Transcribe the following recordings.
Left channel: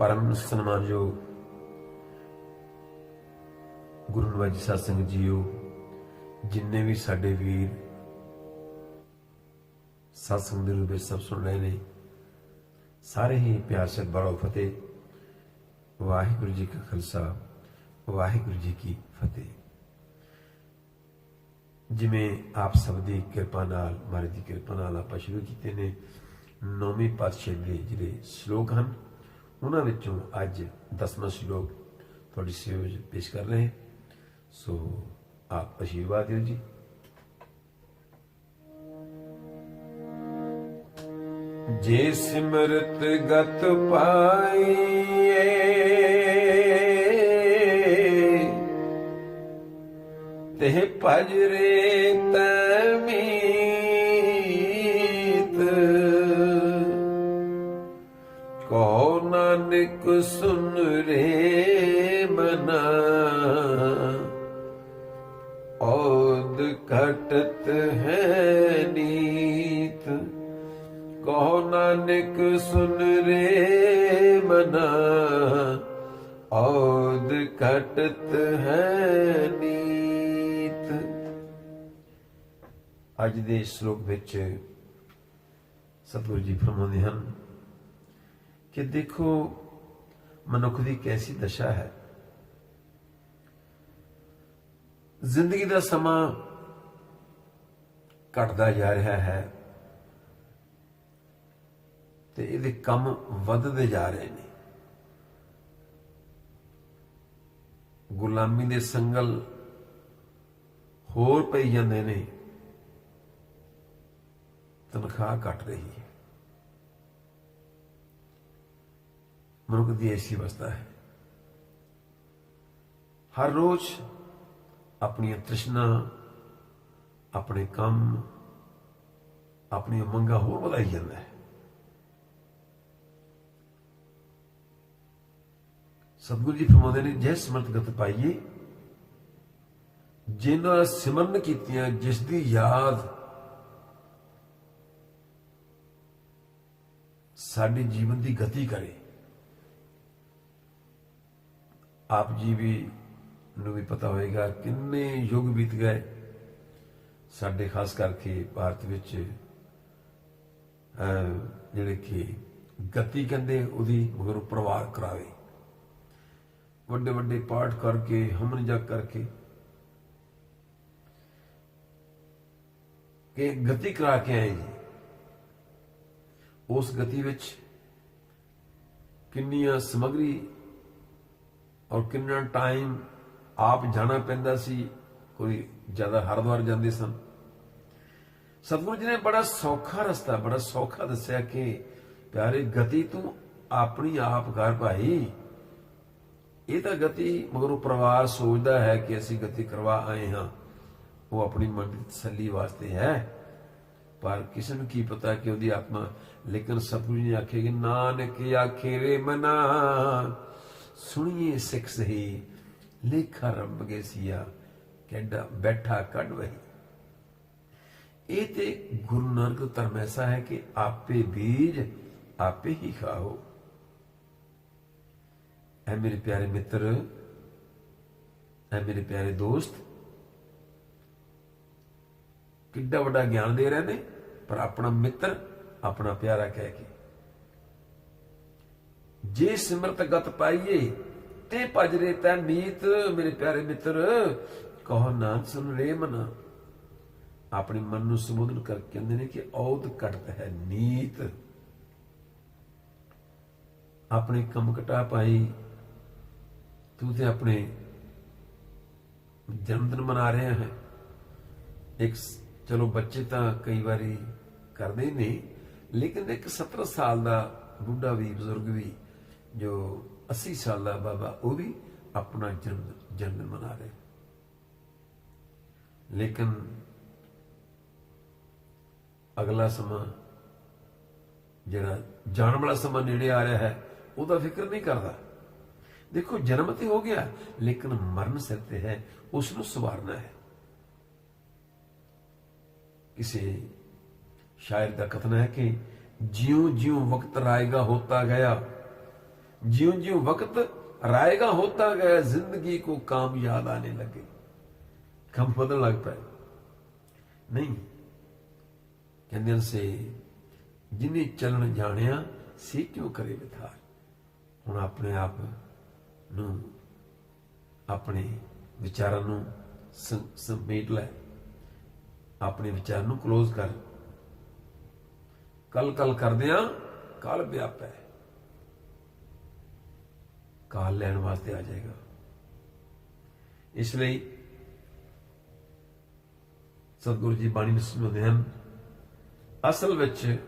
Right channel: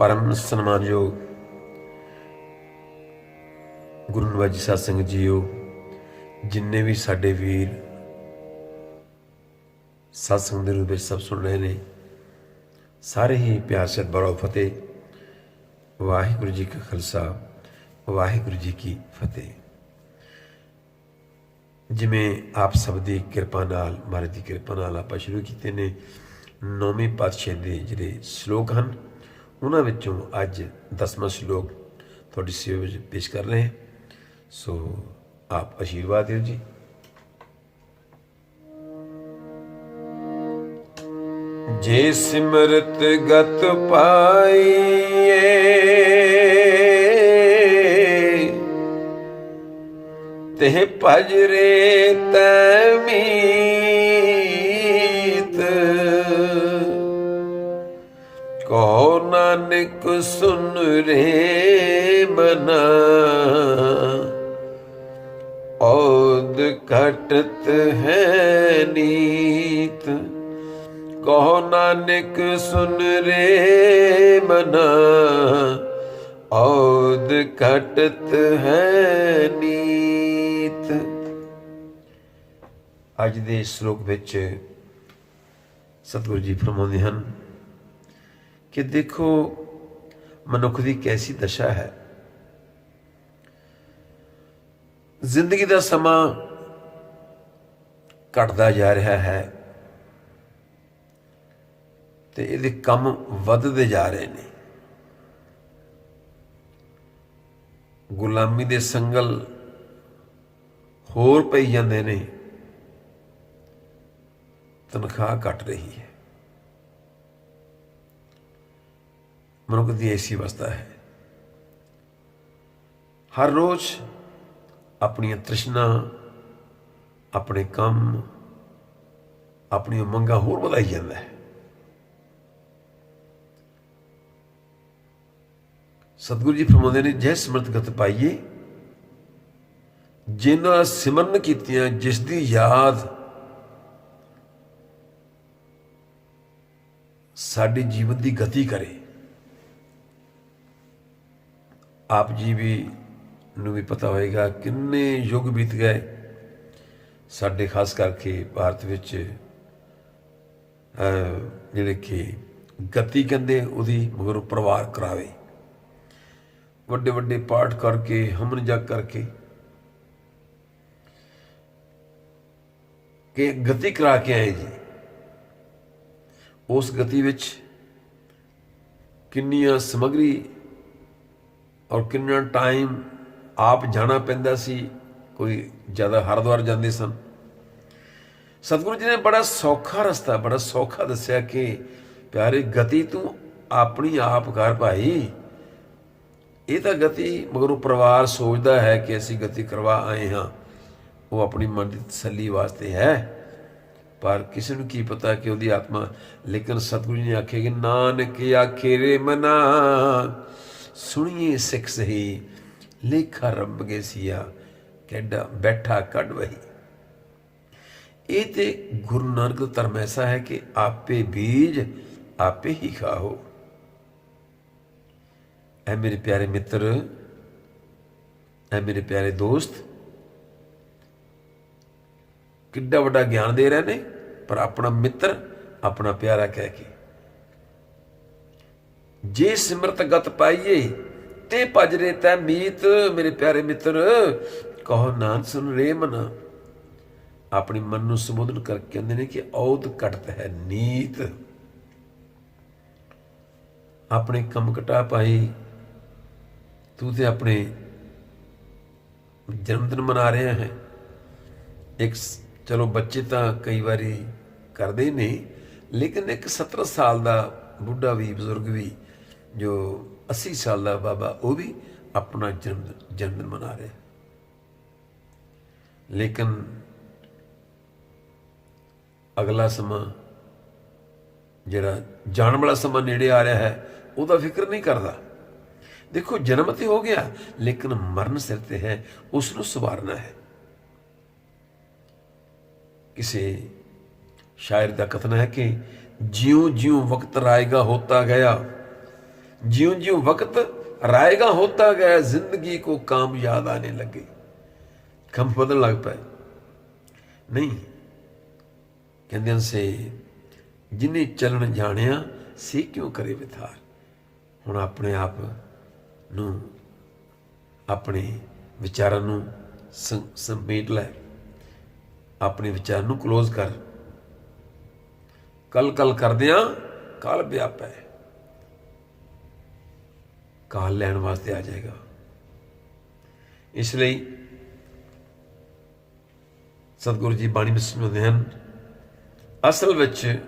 परम सन्मानयोग गुरु निवाज जी साध संगत जीओ, जिन्ने भी साडे वीर सत्संग दे रूप सब सुन रहे ने, सारे ही प्यार से बड़ो फतेह। वाहिगुरु जी का खालसा, वाहिगुरु जी की फतेह। जिमें आप सब की किरपा नाल, महाराज की किरपा नाल आपां शुरू कीते ने 9वें पातशाह के जिहड़े श्लोक हैं, उन्हां विचों अज 10वां श्लोक तुहाडी सेवा विच पेश कर रहे हैं। सो आप आशीर्वाद दिओ जी। जे सिमरत गत पाइए, तेह भज रे तमीत, कहो नानक सुन रे मना, औद घटत है नीत। कहो नानक सुन रे मना, औद घटत है नीत। अज दे श्लोक विच सतगुरु जी फरमाउंदे हन कि देखो मनुख की कैसी दशा है। जिंदगी का समा घटता जा रहा है ते इहदे कम वधदे जा रहे हैं। गुलामी दे संगल होर पई जांदे ने, तनख्वाह घट रही है। मनुख की ऐसी अवस्था है, हर रोज अपनी तृष्णा, अपने काम, अपनी उमंगा होर वधाई जाता है। सतगुरु जी फरमाते ने, जय सिमरत गत पाइए, जिन्हां सिमरन कीतियां, जिसदी याद साडे जीवन की गति करे। आप जी भी नूं भी पता होएगा किन्ने युग बीत गए साडे, खास करके भारत विच जिहड़े कि गति कहंदे उहदी मगरों परिवार करावे, वड्डे वड्डे पाठ करके, हमन जग करके कि गति करा के आए जी। उस गति विच किन्नियां समग्री और किन्ना टाइम आप जाना पैंदा सी। कोई ज़्यादा हरिद्वार जाते सन। सतगुरु जी ने बड़ा सौखा रस्ता, बड़ा सौखा दस्या कि प्यारे गति तू अपनी आप कर भाई। ये तो गति मगरों परिवार सोचता है कि असी गति करवा आए हाँ, वो अपनी मन की तसली वास्ते है, पर किसी को की पता कि उसकी आत्मा। लेकिन सतगुरु जी ने आखे कि नानक आखे रे मना, सुनिए सिख सही, लेखा रब गए सिया, कैडा बैठा कड़ वही। ये तो गुरु नानक का धर्म ऐसा है कि आपे बीज आपे ही खाओ। ऐ मेरे प्यारे मित्र, ऐ मेरे प्यारे दोस्त, किड्डा वड्डा ज्ञान दे रहे ने, पर अपना मित्र, अपना प्यारा कह के। जे सिमरत गत पाइए, ते भज रे तै मीत। मेरे प्यारे मित्र, कहो नानक सुन रे मना। अपनी मन को संबोधन करके कहते हैं कि औद घटत है नीत। अपने कम घटा पाई, तू तो अपने जन्मदिन मना रहा है। एक चलो बच्चे तो कई बारी करते ही नहीं, लेकिन एक 17 साल का बुढ़ा भी, बजुर्ग भी, जो 80 साल का बाबा, वो भी अपना जन्मदिन मना रहे। लेकिन अगला समा जिहड़ा जाने वाला समा नेड़े आ रहा है, उसका फिक्र नहीं करता। देखो जन्म तो हो गया, लेकिन मरण सिर ते है, उसनों संवारना है। किसी शायर का कथन है कि ज्यों ज्यों वक्त राएगा होता गया, ज्यों ज्यों वक्त रायगा होता गया जिंदगी को काम याद आने लगे। ਕੰਮ ਬਦਲਣ ਲੱਗ ਪਏ। ਨਹੀਂ ਕਹਿੰਦੇ ਸੇ ਜਿਨੇ ਚੱਲਣ ਜਾਣਿਆ ਸੀ ਕਿਉਂ ਕਰੇ ਵਿਥਾਰ। ਹੁਣ ਆਪਣੇ ਆਪ ਨੂੰ ਆਪਣੇ ਵਿਚਾਰਾਂ ਨੂੰ ਸਮੇਟ ਲੈ, ਆਪਣੇ ਵਿਚਾਰ ਨੂੰ ਕਲੋਜ਼ ਕਰ। ਕਲ ਕਲ ਕਰਦਿਆਂ ਕਾਲ ਵਿਆਪੈ, ਕਾਲ ਲੈਣ ਵਾਸਤੇ ਆ ਜਾਏਗਾ। ਇਸ ਲਈ ਸਤਿਗੁਰੂ ਜੀ ਬਾਣੀ ਵਿੱਚ ਸਮਝਾਉਂਦੇ ਹਨ, ਅਸਲ ਵਿੱਚ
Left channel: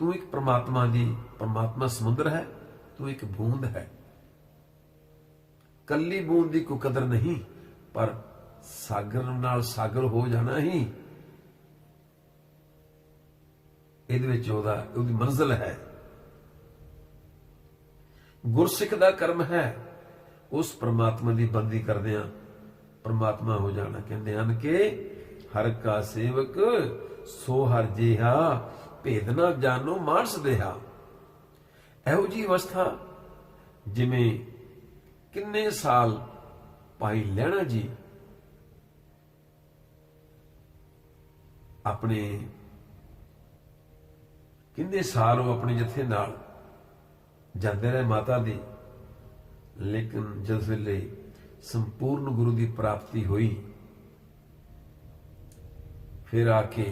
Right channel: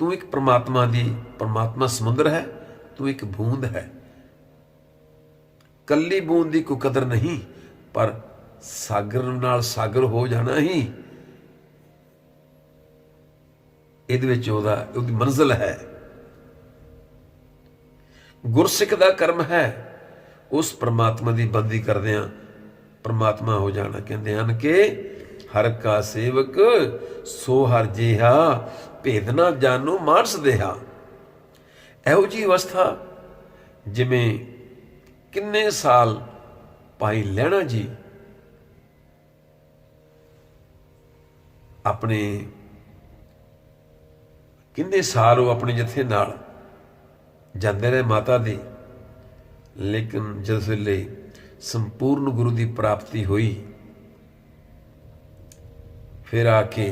ਤੂੰ ਇੱਕ ਪਰਮਾਤਮਾ ਸਮੁੰਦਰ ਹੈ, ਤੂੰ ਇੱਕ ਬੂੰਦ ਹੈ। ਕੱਲੀ ਬੂੰਦ ਦੀ ਕੋਈ ਕਦਰ ਨਹੀਂ, ਪਰ ਸਾਗਰ ਨਾਲ ਸਾਗਰ ਹੋ ਜਾਣਾ ਹੀ ਇਹਦੇ ਵਿੱਚ ਉਹਦੀ ਮੰਜ਼ਿਲ ਹੈ। ਗੁਰਸਿੱਖ ਦਾ ਕਰਮ ਹੈ ਉਸ ਪਰਮਾਤਮਾ ਦੀ ਬੰਦਗੀ ਕਰਦਿਆਂ ਪਰਮਾਤਮਾ ਹੋ ਜਾਣਾ। ਕਹਿੰਦੇ ਹਨ ਕਿ ਹਰ ਕਾ ਸੇਵਕ ਸੋ ਹਰ ਜਿਹਾ, ਭੇਦ ਨਾ ਜਾਣੋ ਮਾਨਸ ਦੇਹਾ। ਇਹੋ ਜਿਹੀ ਅਵਸਥਾ ਜਿਵੇਂ ਕਿੰਨੇ ਸਾਲ ਭਾਈ ਲਹਿਣਾ ਜੀ ਆਪਣੇ ਕਿੰਨੇ ਸਾਲ ਉਹ ਆਪਣੇ ਜਥੇ ਨਾਲ ਜਾਂਦੇ ਰਹੇ ਮਾਤਾ ਦੀ, ਲੇਕਿਨ ਜਿਸ ਵੇਲੇ ਸੰਪੂਰਨ ਗੁਰੂ ਦੀ ਪ੍ਰਾਪਤੀ ਹੋਈ, ਫਿਰ ਆ ਕੇ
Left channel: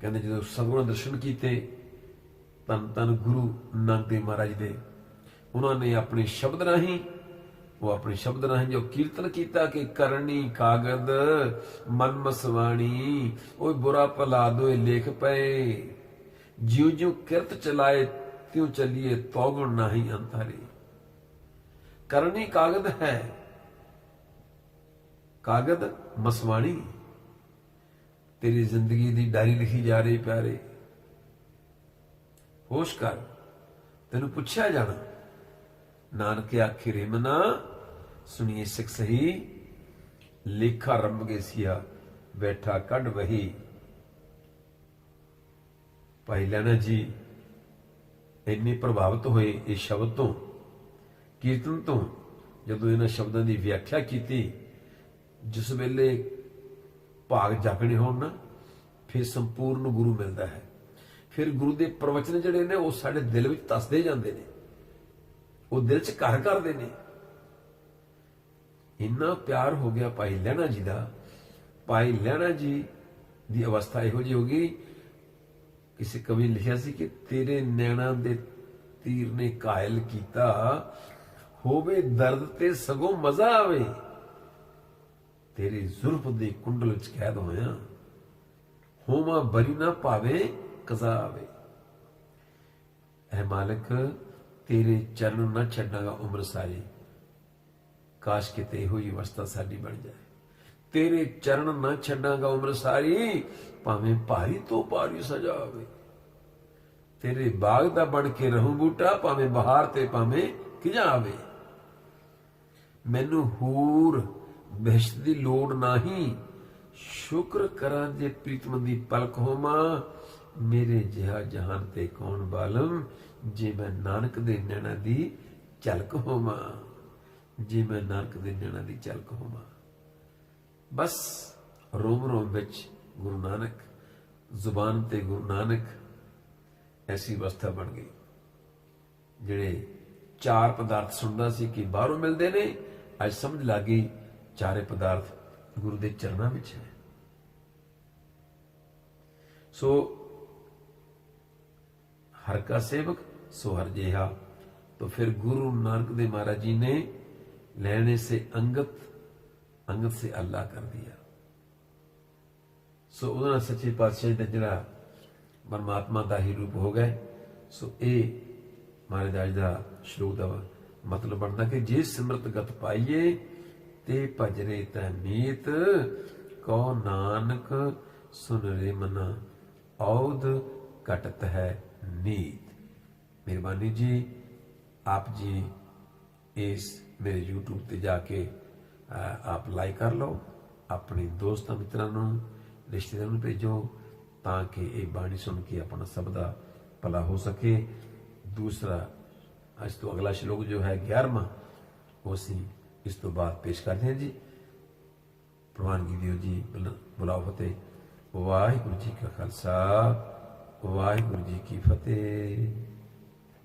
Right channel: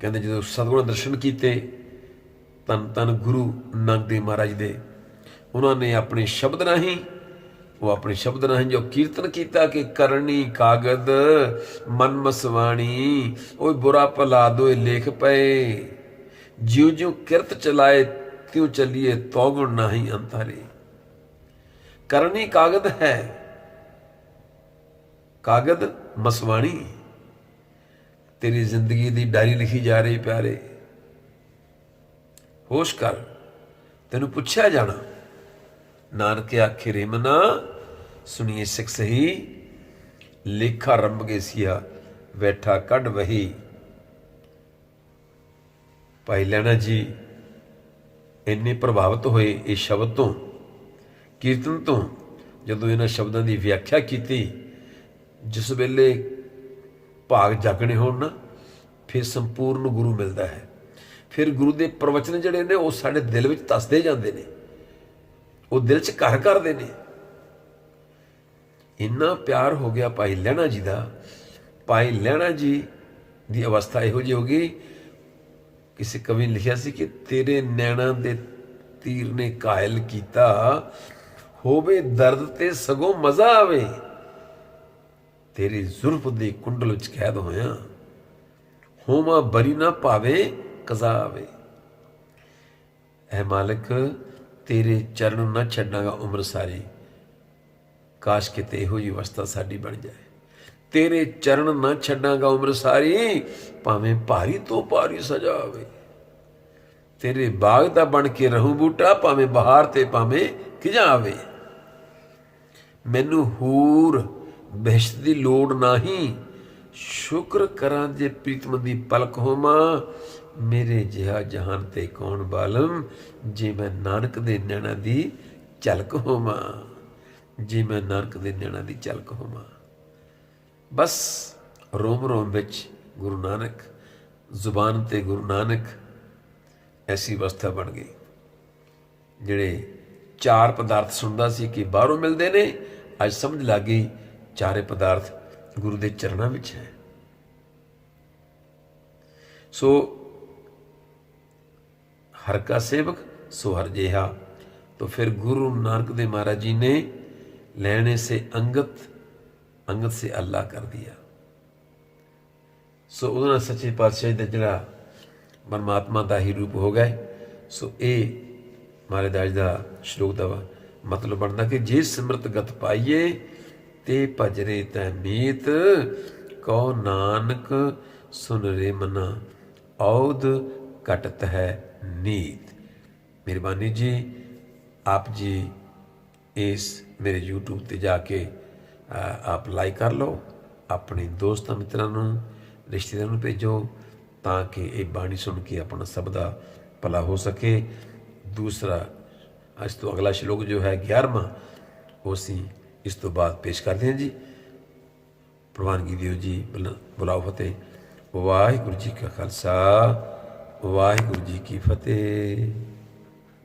ਕਹਿੰਦੇ ਜਦੋਂ ਸਤਿਗੁਰਾਂ ਦਰਸ਼ਨ ਕੀਤੇ ਧੰਨ ਧੰਨ ਗੁਰੂ ਨਾਨਕ ਦੇਵ ਮਹਾਰਾਜ ਦੇ, ਉਹਨਾਂ ਨੇ ਆਪਣੇ ਸ਼ਬਦ ਰਾਹੀਂ ਜੋ ਕੀਰਤਨ ਕੀਤਾ ਕਿ ਕਰਨੀ ਕਾਗਦ ਮਨ ਮਸਵਾਣੀ, ਓਏ ਬੁਰਾ ਭਲਾ ਦੋਏ ਲੇਖ ਪਏ, ਜਿਉ ਜਿਉ ਕਿਰਤ ਚਲਾਏ ਤਿਉ ਚੱਲੀਏ ਤੌਗੁਣ ਨਾਹੀ ਅੰਤਰੇ। ਕਰਨੀ ਕਾਗਦ ਹੈ, ਕਾਗਦ ਮਸਵਾਣੀ, ਤੇਰੀ ਜ਼ਿੰਦਗੀ ਦੀ ਡਾਇਰੀ ਲਿਖੀ ਜਾ ਰਹੀ ਪਿਆਰੇ। ਹੋਸ਼ ਕਰ, ਤੈਨੂੰ ਪੁੱਛਿਆ ਜਾਣਾ। ਨਾਨਕ ਆਖੇ ਰੇ ਮਨਾ ਸੁਣੀਏ ਸਿੱਖ ਸਹੀ, ਲੇਖਾ ਰੰਭ ਗਏ ਸੀਆ ਬੈਠਾ ਕੱਢ ਵਹੀ। ਭਾਈ ਲਹਿਣਾ ਜੀ ਇੰਨੇ ਪ੍ਰਭਾਵਿਤ ਹੋਏ ਇਹ ਸ਼ਬਦ ਤੋਂ, ਕੀਰਤਨ ਤੋਂ। ਜਦੋਂ ਇਹਨਾਂ ਸ਼ਬਦਾਂ ਦੀ ਵਿਆਖਿਆ ਕੀਤੀ, ਜਿਸ ਵੇਲੇ ਭਾਗ ਜਾਗਣੇ ਹੋਣ ਨਾ, ਫਿਰ ਸੰਪੂਰਨ ਗੁਰੂ ਮਿਲਦਾ ਹੈ। ਫਿਰ ਗੁਰੂ ਦੇ ਪ੍ਰਵਚਨ ਜਿਹੜੇ ਨੇ ਉਹ ਸਾਡੇ ਦਿਲ ਵਿੱਚ ਧੱਸਦੇ ਜਾਂਦੇ ਨੇ, ਉਹ ਦਿਲ 'ਚ ਘਰ ਕਰਦੇ ਨੇ। ਇੰਨਾ ਪਿਆਰ ਹੋ ਗਿਆ ਭਾਈ ਲਹਿਣਾ ਜੀ ਦਾ। ਭਾਈ ਲਹਿਣਾ ਜੀ ਦੀ ਅਵਸਥਾ ਇਹੋ ਜਿਹੀ ਹੋ ਗਈ, ਕਿਸੇ ਕਵੀ ਨੇ ਲਿਖਿਆ ਸੀ ਕਿ ਤੇਰੇ ਨੈਣਾਂ ਦੇ ਤੀਰ ਨੇ ਕਾਇਲ ਕੀਤਾ, ਹੋਵੇ ਦਰਦ ਤੇ ਸਗੋਂ ਮਜ਼ਾ ਆਵੇ, ਤੇਰੀ ਜ਼ੁਲਫ ਦੇ ਕੁੰਡਲ ਵਿੱਚ ਕੈਦ ਹੋਇਆ, ਹੋਵਾਂ ਬਰੀ ਨਾ ਭਾਵੇ ਕਜ਼ਾ ਆਵੇ। ਐ ਮਾਲਕ ਤੇਰੇ ਚਰਨ ਨਾ ਛੱਡਾਂਗਾ ਉਮਰ ਸਾਰੀ, ਕਾਸ਼ ਕਿਤੇ ਇਹੋ ਜਿਹੀ ਅਵਸਥਾ ਸਾਡੀ ਬਣ ਜਾਏ। ਤੇਰੇ ਚਰਨ ਨਾ ਛੱਡਾਂਗਾ ਉਮਰ ਸਾਰੀ, ਭਾਵੇਂ ਭਾਰੀ ਤੋਂ ਭਾਰੀ ਸਜ਼ਾ ਆਵੇ। ਤੇਰੇ ਬਾਗ ਦਾ ਬਣ ਕੇ ਰਹੂੰ ਬੂਟਾ, ਭਾਵੇਂ ਬਹਾਰ ਤੇ ਭਾਵੇਂ ਖਿਜਾ ਆਵੇ। ਮੈਨੂੰ ਹੂਰ ਬਹਿਸ਼ਤ ਦੀ ਲੋੜ ਨਹੀਂ, ਸ਼ੁਕਰ ਕਰਾਂ ਜੇ ਪ੍ਰੀਤਮ ਦੀ ਪਲਕ ਹੋਵਾਂ। ਮੇਰੇ ਜਿਹਾ ਜਹਾਨ ਤੇ ਕੌਣ ਬਾਲਮ, ਜੇ ਮੈਂ ਨਾਨਕ ਦੇ ਨੈਣਾ ਦੀ ਝਲਕ ਹੋਵਾਂ, ਜੇ ਮੈਂ ਨਾਨਕ ਦੇ ਨੈਣਾ ਦੀ ਝਲਕ ਹੋਵਾਂ। ਬਸ ਰੋਮ ਰੋਮ ਵਿੱਚ ਗੁਰੂ ਨਾਨਕ, ਜ਼ੁਬਾਨ ਤੇ ਗੁਰੂ ਨਾਨਕ, ਐਸੀ ਅਵਸਥਾ ਬਣ ਗਈ। ਜਿਹੜੇ ਚਾਰ ਪਦਾਰਥ ਸੁਣਦਾ ਸੀ ਕਿ ਬਾਹਰੋਂ ਮਿਲਦੇ ਨੇ, ਅੱਜ ਸਮਝ ਲੱਗ ਗਈ ਚਾਰੇ ਪਦਾਰਥ ਗੁਰੂ ਦੇ ਚਰਨਾਂ ਵਿੱਚ ਹੈ। ਸੋ हर का सेवक सो हर जेहा। तो फिर गुरु नानक देव महाराज जी ने लेने से अंगत से अल्लाह कर दिया। सो उन्होंने सच्चे पातशाही का जिहड़ा परमात्मा का ही रूप हो गए। सो ये महाराज का श्लोक का मतलब बनता कि जे सिमरत गत पाइए ते भजरे तै मीत, कहो नानक सुन रे मना औद घटत है नीत। मेहरबानी जी, आप जी इस मेरे यूट्यूब ते जाके आप लाइक कर लो, अपने दोस्तों मित्रों रिश्तेदारों भेजो ताकि ये बाणी सुन के अपना सब का भला हो सके। दूसरा ਅੱਜ ਤੋਂ ਅਗਲਾ ਸ਼ਲੋਕ ਜੋ ਹੈ 11ਵਾਂ, ਉਹ ਅਸੀਂ ਇਸ ਤੋਂ ਬਾਅਦ ਪੇਸ਼ ਕਰਦੇ ਹਾਂ ਜੀ। ਪ੍ਰਵਾਨਗੀ ਦਿਓ ਜੀ, ਬੁਲਾਓ ਫਤਿਹ। ਵਾਹਿਗੁਰੂ ਜੀ ਕਾ ਖਾਲਸਾ, ਵਾਹਿਗੁਰੂ ਜੀ ਕੀ ਫਤਿਹ।